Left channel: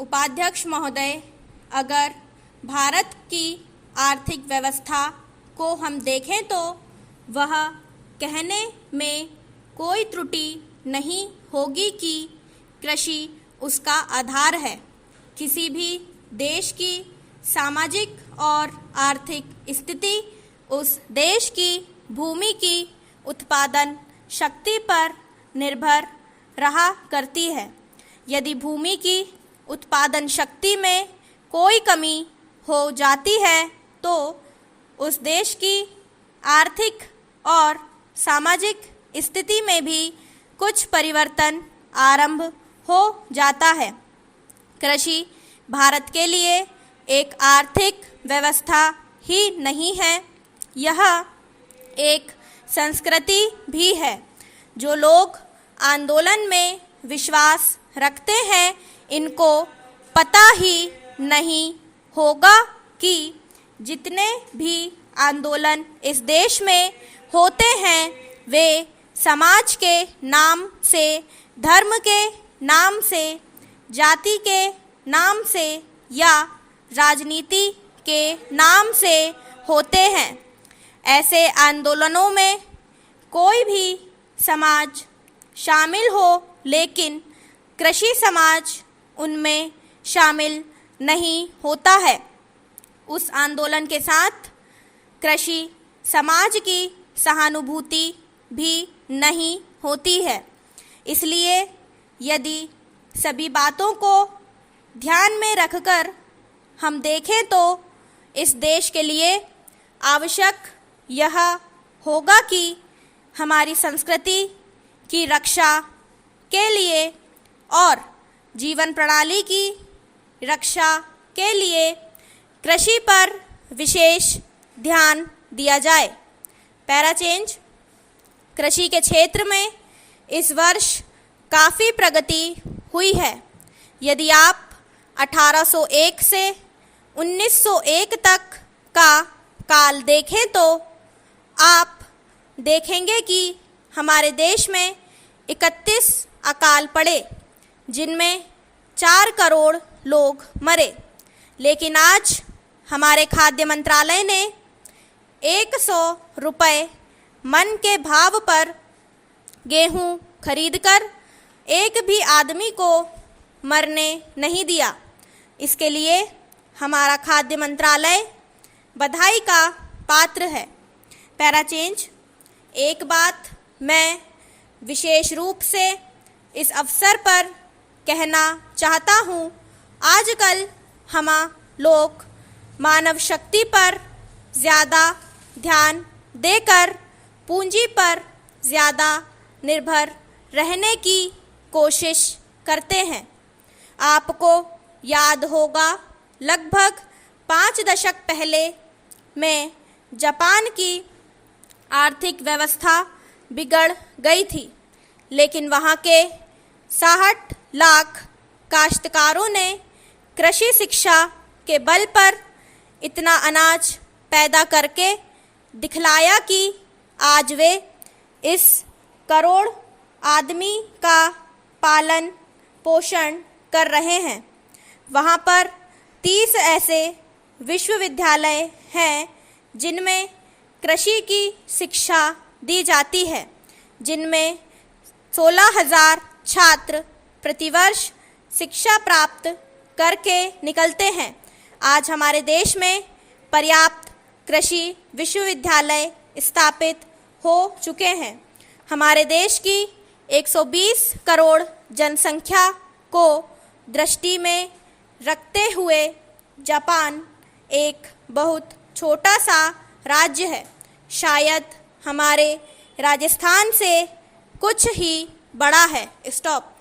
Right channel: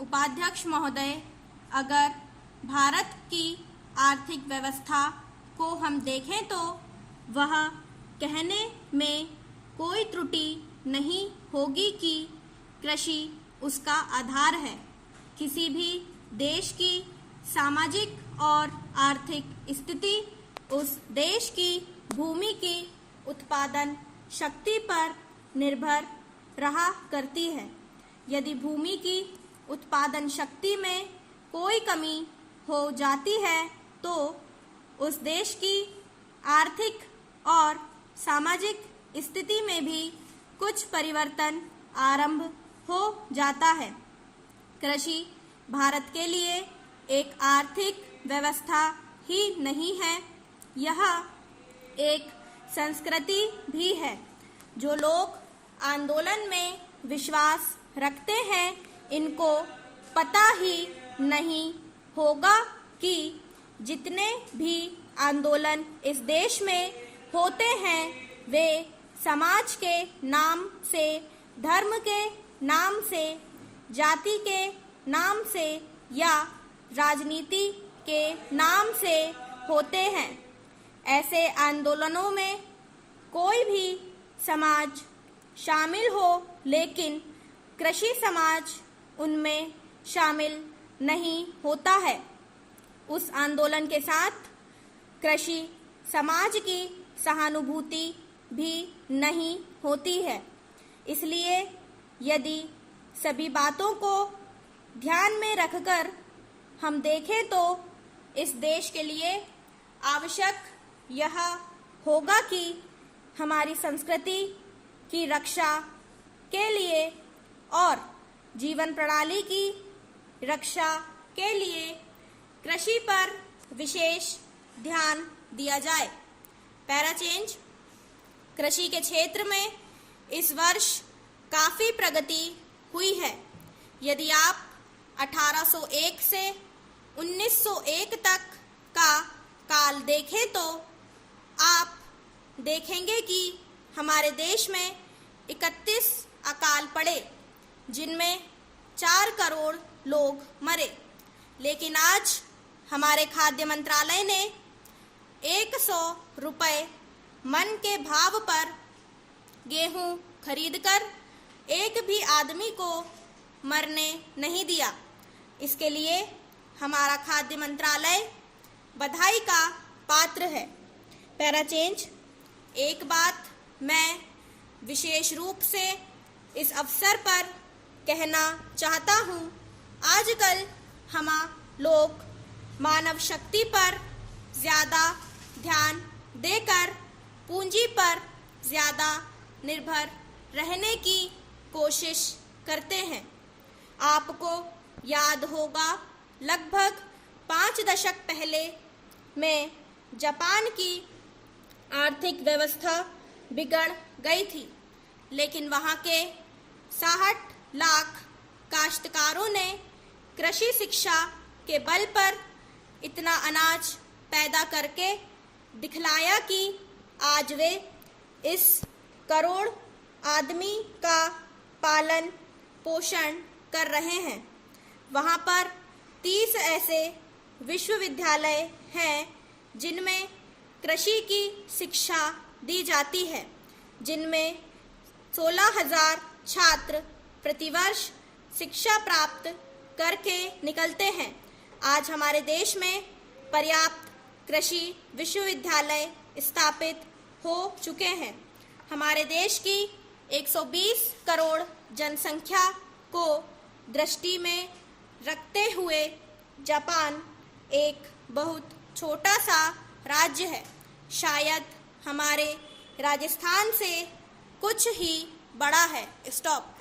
उपाध्यक्ष महोदय, अगर भारत की आर्थिक व्यवस्था को हम देखें तो वह कहने में कोई त्रुटि नहीं होगी कि कृषि उसका आधार है। किसी भी देश की सामाजिक और आर्थिक स्थिति उस देश की भूमि की उत्पादन शक्ति पर निर्भर रहा करती है। यदि भूमि की उत्पादन शक्ति में कोई कमी हो जाती है तो उस देश की आर्थिक और सामाजिक स्थिति में भी कुछ परिवर्तन आरंभ हो जाता है। कृषि भारत के लिए एक आर्थिक व्यवस्था ही नहीं है, यह एक संस्कृति भी है। जो लोग आंदोलन में विश्वास रखते हैं, इनको पता ही नहीं होगा कि जितने भी आंदोलन इस देश में होते हैं वे समाज के नाम से, धर्म के नाम से, जाति के नाम से या राजनीति के नाम से होते हैं। ऐसे आंदोलनों में कोई भी समाज शामिल हो, लेकिन कृषि समाज उनमें शामिल नहीं होता है। उस आंदोलन के साथ कृषि समाज की सहानुभूति भी नहीं होती है। इसलिए यदि सभी बातों को ध्यान में रखकर हम देखें तो इस देश के लिए आवश्यक यह होगा कि हमारी संस्कृति की रक्षा के लिए और जीवन प्रणाली की रक्षा के लिए कृषि पर विशेष ध्यान दिया जाए। Para change. कृषि के क्षेत्र में इस वर्ष काफ़ी प्रगति हुई है। यदि आप 1801 से 1901 तक का काल देखें तो आप देखेंगे कि हमारे देश में 31 अकाल पड़े, जिनमें 4 करोड़ लोग मरे। लेकिन आज हमारे खाद्य मंत्रालय ने 100 रुपये मन के भाव पर गेहूं खरीदकर एक भी आदमी को मरने नहीं दिया। इसके लिए हमारा खाद्य मंत्रालय बधाई का पात्र है। Para change. एक बात मैं विशेष रूप से इस अवसर पर कहना चाहता हूँ। आजकल हम लोग मानव शक्ति पर ज़्यादा ध्यान देकर पूंजी पर ज़्यादा निर्भर रहने की कोशिश करते हैं। आपको याद होगा, लगभग 5 दशक पहले में जापान की आर्थिक व्यवस्था बिगड़ गई थी, लेकिन वहाँ के 60 लाख काश्तकारों ने कृषि शिक्षा के बल पर इतना अनाज पैदा करके दिखलाया कि आज वे इस करोड़ आदमी का पालन पोषण कर रहे हैं। वहाँ पर 30 ऐसे विश्वविद्यालय हैं जिनमें कृषि की शिक्षा दी जाती है, जिनमें 16,000 छात्र प्रतिवर्ष शिक्षा प्राप्त करके निकलते हैं। आज हमारे देश में पर्याप्त कृषि विश्वविद्यालय स्थापित हो चुके हैं। हमारे देश की 120 करोड़ जनसंख्या को दृष्टि में रखते हुए जापान एक बहुत छोटा सा राज्य है, शायद हमारे राजस्थान से कुछ ही बड़ा है। स्टॉप।